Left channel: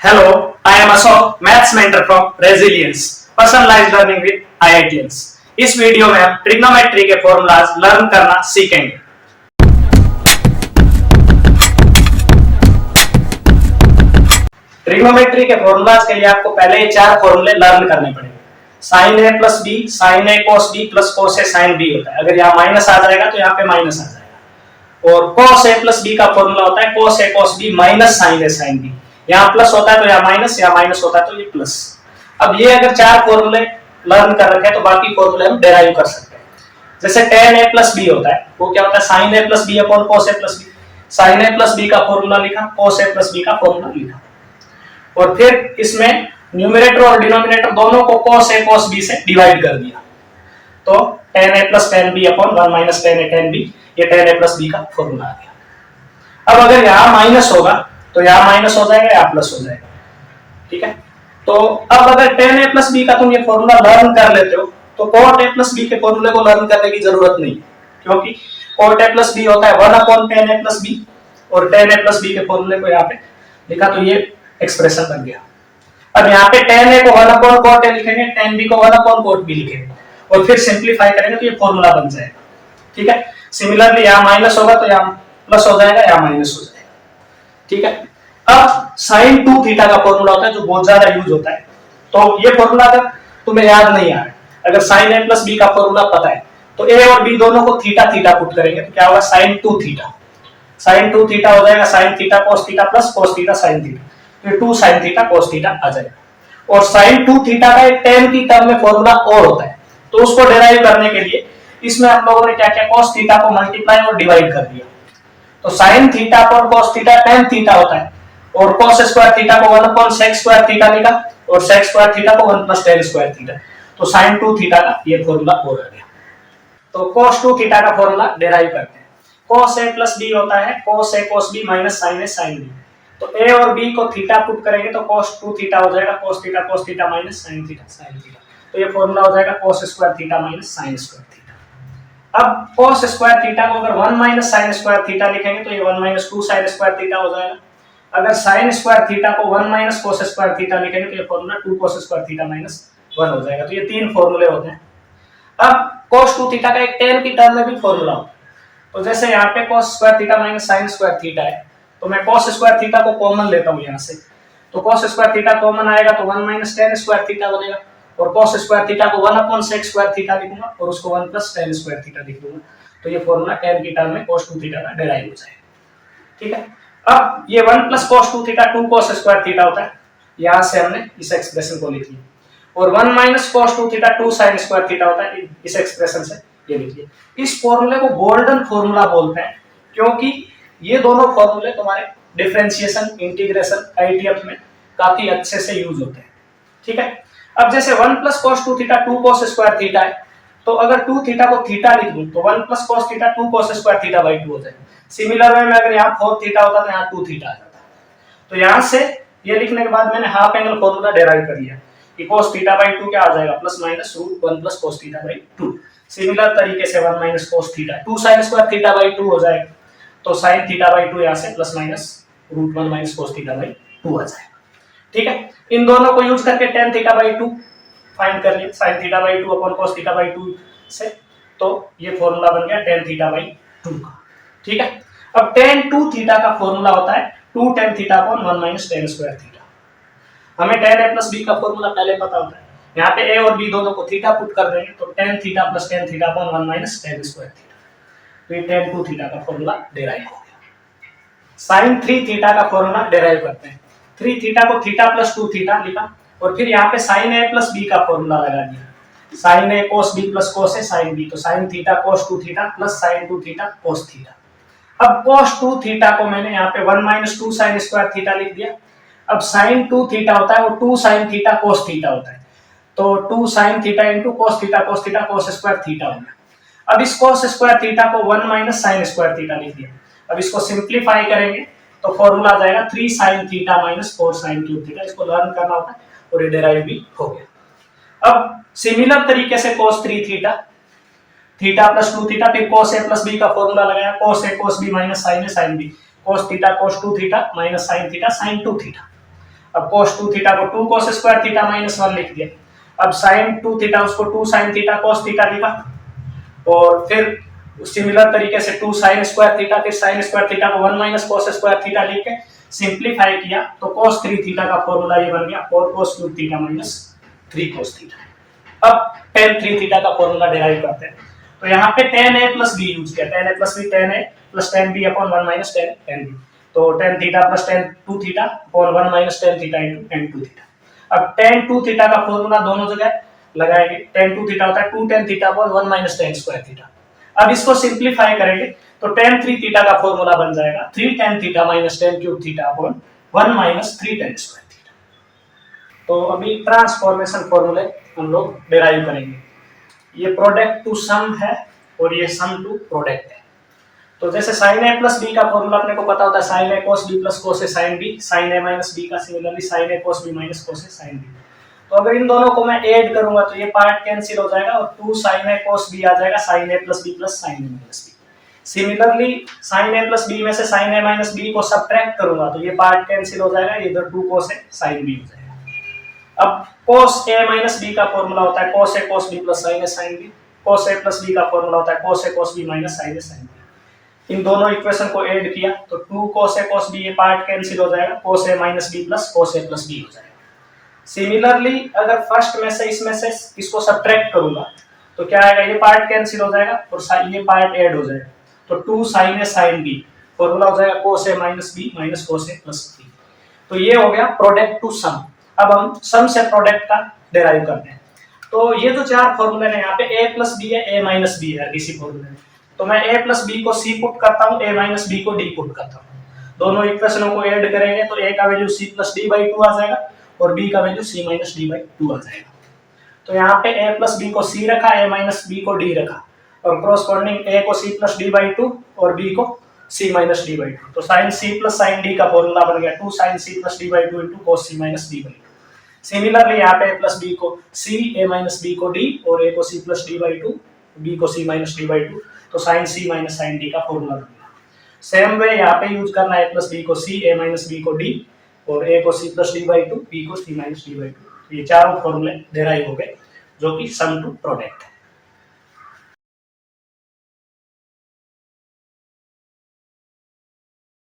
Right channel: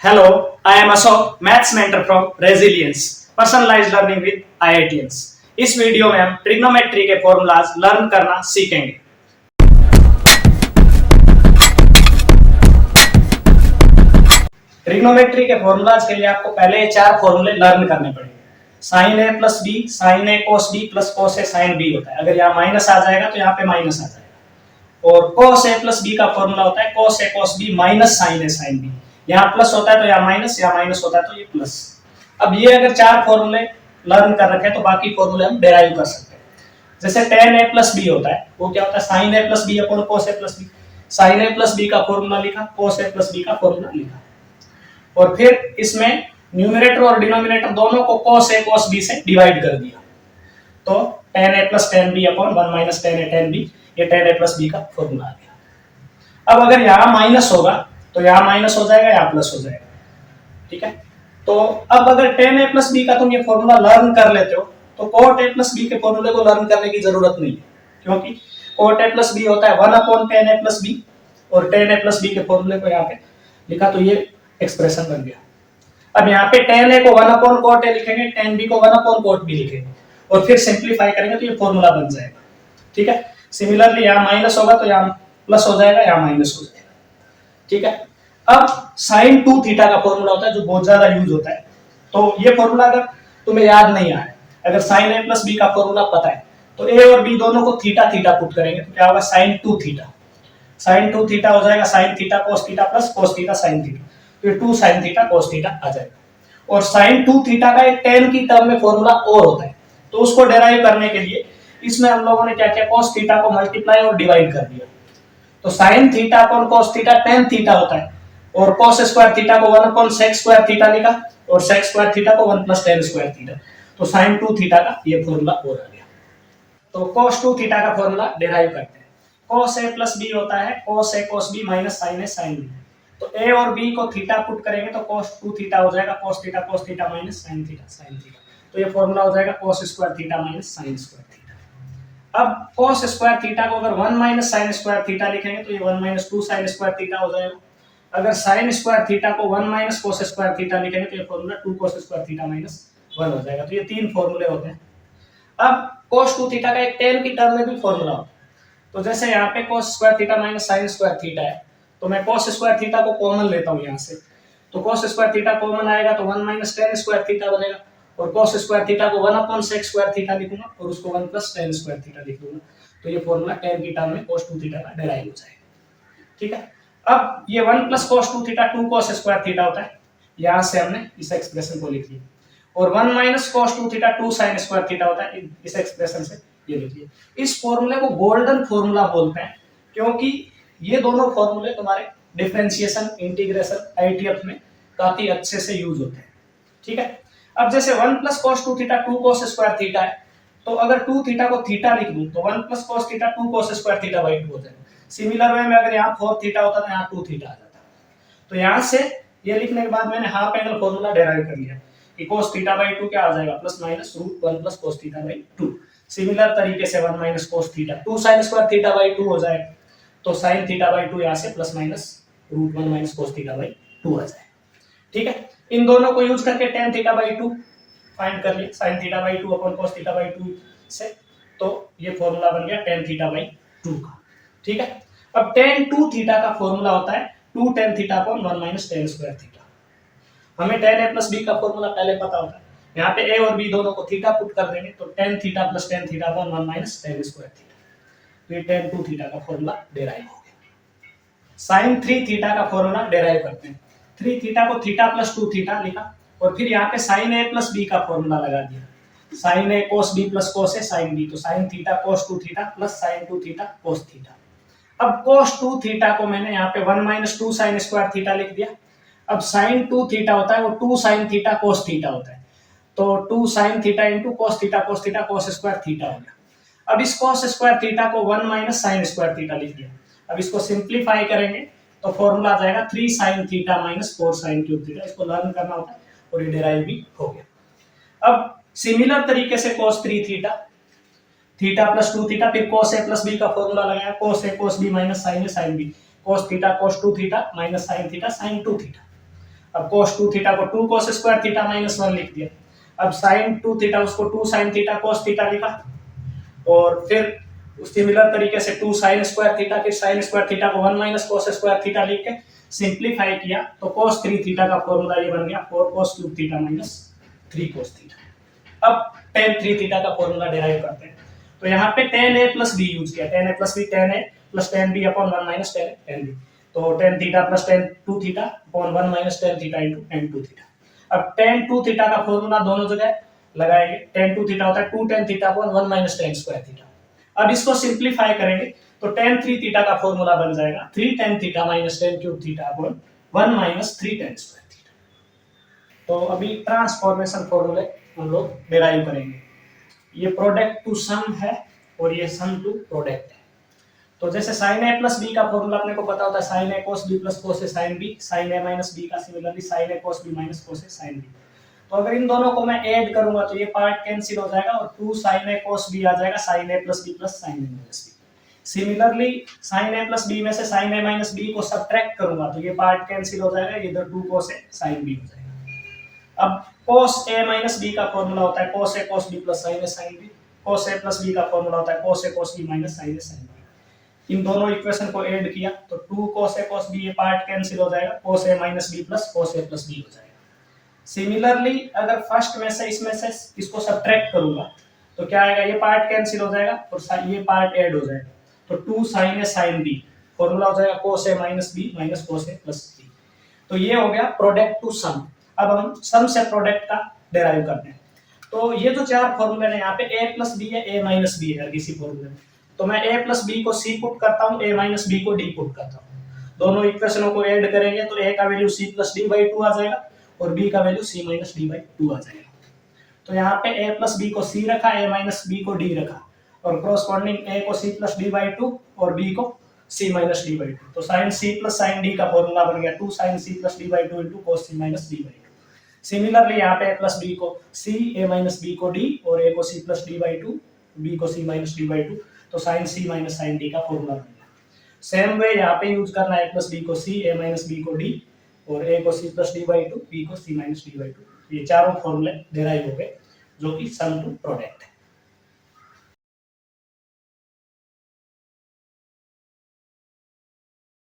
Hello, I am Ashok, Maths mentor from Resilience, personalized learning with IITians। इस video में हम trigonometry के formulas learn करना सीखेंगे। ट्रिग्नोमेट्री के फॉर्मूलाज के लिए आपको पहले ये चार फॉर्मूले लर्न करने पड़ेंगे। साइन ए प्लस बी, साइन ए कोस बी प्लस कोस ए साइन बी होता है। अगर यहाँ माइनस आ जाएगा तो यहाँ पे माइनस आ जाएगा। और कोस ए प्लस बी का फॉर्मूला होता है कोस ए कोस बी माइनस साइन ए साइन बी। यहाँ प्लस होता है तो यहाँ माइनस, यहाँ माइनस होता है तो ये प्लस। अब ये अगर चार फॉर्मूले लर्न कर रखे हैं तो बाकी फॉर्मूले हम डेराइव कर सकते हैं। जैसे tan a प्लस बी होता है, वो क्या होता है sin a plus B upon cos a plus B. sin a plus B का फॉर्मूला लिखा, cos a प्लस बी का फॉर्मूला लिखा, और फिर इसमें न्यूमरेटर और डिनोमिनेटर दोनों को cos a cos b से डिवाइड कर दिया, तो tan a plus tan b upon 1 minus tan a tan b, ये tan a प्लस b का फॉर्मूला आ गया। अब अगर यहाँ माइनस होगा तो यहाँ माइनस हो जाएगा, यहाँ प्लस हो जाएगा, ठीक है। तो अब अगर tan a प्लस b का तुम ये फॉर्मूला लर्न कर लेते हो तो cot a प्लस b के फॉर्मूले को लर्न करने की जरूरत नहीं है, क्योंकि cot a प्लस b होता है 1 upon tan a plus b, और tan a प्लस b के फॉर्मूले को यहाँ पे लिखा तो ये एक्सप्रेशन बन गया। अब यहाँ पे tan a को 1 अपॉन cot a लिखेंगे, tan b को 1 अपॉन cot b लिखेंगे, और फिर सिंप्लीफाई करेंगे तो ये फॉर्मूला बन जाएगा, ठीक है। सिमिलरली यहाँ माइनस होगा तो यहाँ प्लस हो जाएगा, यहाँ माइनस हो जाएगा, ठीक है। अब sin 2 थीटा का फॉर्मूला होता है जो बहुत ज्यादा यूज होता है, तो ये फॉर्मूला अगर तुम्हें याद नहीं आ रहा है, अगर sin a प्लस b का फॉर्मूला पता है तो a और b दोनों को थीटा थीटा पुट करेंगे तो क्या होगा sin 2 थीटा। sin 2 थीटा हो जाएगा sin theta cos theta plus cos theta sin theta, तो 2 sin थीटा cos थीटा आ जाएगा। और sin 2 थीटा का एक tan की टर्म में फॉर्मूला और होता है, तो उसको डेराइव करने के लिए इसमें हम लोगों ने क्या किया, cos थीटा को मल्टीप्लाई और डिवाइड कर दिया, तो sin थीटा पर cos थीटा tan थीटा होता है, और cos स्क्वायर थीटा को 1 अपॉन sec स्क्वायर थीटा लिखा, और sec स्क्वायर थीटा को 1 प्लस tan स्क्वायर थीटा, तो sin 2 थीटा का ये फॉर्मूला और आ गया। तो cos 2 थीटा का फॉर्मूला डेराइव करते हैं। cos a प्लस b होता है cos a cos b minus sin a sin b, तो a और b को थीटा पुट करेंगे तो cos 2 थीटा हो जाएगा cos theta minus sin theta sin theta, तो ये फॉर्मूला हो जाएगा cos square theta minus sin square theta. अब cos स्क्वायर थीटा को अगर 1 माइनस sin स्क्वायर थीटा लिखेंगे तो ये 1 माइनस 2 sin स्क्वायर थीटा हो जाएगा। अगर sin स्क्वायर थीटा को 1 माइनस cos स्क्वायर थीटा लिखेंगे तो ये formula 2 cos square theta minus 1 हो जाएगा। तो ये तीन फॉर्मूले होते हैं। अब cos 2 थीटा का एक tan की टर्म में भी फॉर्मूला होता है, तो जैसे यहाँ पे cos square theta minus sin square theta है, तो मैं cos स्क्वायर थीटा को कॉमन लेता हूँ यहाँ से, तो cos स्क्वायर थीटा कॉमन आएगा तो 1 माइनस tan स्क्वायर थीटा बनेगा, और cos स्क्वायर थीटा को 1 अपॉन sec स्क्वायर थीटा लिखूंगा और उसको 1 प्लस tan स्क्वायर थीटा लिख दूंगा, तो ये फॉर्मूला tan की टर्म में cos 2 थीटा का डेराइव हो जाएगा, ठीक है। अब ये 1 plus cos 2 theta 2 cos square theta होता है, यहाँ से हमने इस एक्सप्रेशन को लिख लिया, और 1 minus cos 2 theta 2 sin square theta होता है, इस एक्सप्रेशन से ये लिखिए। इस फॉर्मूले को गोल्डन फॉर्मूला बोलते हैं, क्योंकि ये दोनों फॉर्मूले तुम्हारे डिफरेंशिएशन, इंटीग्रेशन, आईटीएफ में काफी अच्छे से यूज होते हैं, ठीक है। अब जैसे 1 plus cos 2 theta 2 cos square theta है, तो अगर 2 थीटा को थीटा लिख दूं तो 1 plus cos theta 2 cos square theta by 2 हो जाएगा। सिमिलर वे में अगर यहाँ 4 थीटा होता तो यहाँ 2 थीटा आ जाता, तो यहाँ से ये लिखने के बाद मैंने हाफ एंगल फॉर्मूला डेराइव कर लिया कि cos थीटा बाई 2 क्या आ जाएगा, plus minus root 1 plus cos theta by 2। Similar तरीके से 1 minus cos theta 2 sin square theta by 2 हो जाएगा, तो sin थीटा बाई 2 यहाँ से plus minus root 1 minus cos theta by 2 आ जाएगा, ठीक है। इन दोनों को यूज करके tan थीटा बाई 2 फाइंड कर लिया sin theta by 2 upon cos theta by 2 से, तो ये फॉर्मूला बन गया tan थीटा बाई 2 का, ठीक है। अब tan 2 थीटा का फॉर्मूला होता है 2 tan theta upon 1 minus tan square theta. हमें tan a प्लस b का फॉर्मूला पहले पता होता है, यहाँ पे a और b दोनों को थीटा पुट कर देंगे तो tan theta plus tan theta upon 1 minus tan square theta, तो ये tan 2 थीटा का फॉर्मूला डेराइव हो गया। sin 3 थीटा का फॉर्मूला डेराइव करते हैं। 3 थीटा को थीटा प्लस 2 थीटा लिखा, और फिर यहाँ पे sin a प्लस b का फॉर्मूला लगा दिया, sin a cos b plus cos a sin b, तो sin theta cos 2 theta plus sin 2 theta cos theta. अब cos 2 थीटा को मैंने यहाँ पे 1 माइनस 2 sin स्क्वायर थीटा लिख दिया। अब sin 2 थीटा होता है वो 2 sin थीटा cos थीटा होता है, तो 2 sin theta into cos theta cos square theta हो गया। अब इस cos स्क्वायर थीटा को 1 माइनस sin स्क्वायर थीटा लिख दिया। अब इसको सिंप्लीफाई करेंगे तो फॉर्मूला आ जाएगा 3 sin theta minus 4 sin cube theta. इसको लर्न करना होता है और ये डेराइव भी हो गया। अब सिमिलर तरीके से cos 3 theta theta plus 2 theta, फिर cos a प्लस b का फॉर्मूला लगाया cos a cos b minus sin a sin b, cos theta cos 2 theta minus sin theta sin 2 theta. अब cos 2 थीटा को 2 cos square theta minus 1 लिख दिया। अब sin 2 theta उसको 2 sin theta cos theta लिखा, और फिर सिमिलर तरीके से 2 sin स्क्वायर थीटा, फिर sin स्क्वायर थीटा को 1 माइनस cos स्क्वायर थीटा लिख के सिंप्लीफाई किया तो cos 3 थीटा का फॉर्मूला ये बन गया 4 cos cube theta minus 3 cos theta. अब tan 3 थीटा का फॉर्मूला डिराइव करते हैं, तो यहाँ पे tan a plus b use किया, tan a plus b tan a plus tan b upon 1 minus tan b, तो tan theta plus tan 2 theta upon 1 minus tan theta into tan 2 theta. अब tan 2 theta का formula दोनों जगह लगाएंगे, tan 2 theta होता है 2 tan theta upon 1 minus tan square theta. अब इसको सिंप्लीफाई करेंगे तो tan 3 थीटा का फॉर्मूला बन जाएगा 3 tan theta minus tan cube theta upon 1 minus 3 tan square theta. तो अभी ट्रांसफॉर्मेशन फॉर्मूले हम लोग डिराइव करेंगे। ये प्रोडक्ट टू सम है और ये सम टू प्रोडक्ट है। तो जैसे sin a प्लस b का फॉर्मूला अपने को पता होता है sin a cos b plus cos a sin b, sin a minus b का similarly sin a cos b minus cos a sin b। तो अगर इन दोनों को मैं ऐड करूंगा तो ये पार्ट कैंसिल हो जाएगा और 2 sin a cos b आ जाएगा sin a plus b plus sin a minus b। Similarly sin a plus b में से sin a माइनस b को सब्ट्रैक्ट करूंगा तो ये पार्ट कैंसिल हो जाएगा, इधर 2 cos a sin b हो जाएगा। अब cos a माइनस b का फॉर्मूला होता है cos a cos b plus sin a sin b, cos a plus b का फॉर्मूला होता है cos a cos b minus sin a sin b। इन दोनों इक्वेशन को ऐड किया तो 2 cos a cos b ये पार्ट कैंसिल हो जाएगा, cos a minus b plus cos a plus b हो जाएगा। सिमिलरली अगर फर्स्ट में से इसमें से इसको सब्ट्रैक्ट करूंगा तो क्या आएगा, ये पार्ट कैंसिल हो जाएगा और ये पार्ट ऐड हो जाएगा, तो 2 sin a sin b formula हो जाएगा cos a minus b minus cos a plus b। तो ये हो गया प्रोडक्ट टू सम। अब हम सम से प्रोडक्ट का डिराइव करते हैं। तो ये जो चार फॉर्मूले हैं यहाँ पे a प्लस बी है, a माइनस बी है इसी फॉर्मूले में, तो मैं a प्लस बी को c पुट करता हूँ, a माइनस बी को d पुट करता हूँ। दोनों इक्वेशनों को ऐड करेंगे तो a का value c plus d by 2 आ जाएगा और b का value c minus d by 2 आ जाएगा। तो यहाँ पे a प्लस बी को c रखा, a माइनस बी को d रखा, और क्रॉसपोंडिंग a को c प्लस d बाई 2 और b को c माइनस d बाई 2। तो sin c plus sin d का फॉर्मूला बन गया 2 sin c plus d by 2 into cos c minus d by 2। Similarly यहाँ पे a प्लस बी को c, a माइनस बी को d और a को c plus d by 2, b को c माइनस d बाई 2, तो sin c minus sin d का formula बन गया। सेम वे यहाँ पे यूज करना है a प्लस बी को c, a माइनस बी को d और a को c plus d by 2, b को c माइनस d बाई 2। ये चारों फॉर्मूले डिराइव हो गए जो कि सम टू प्रोडक्ट है।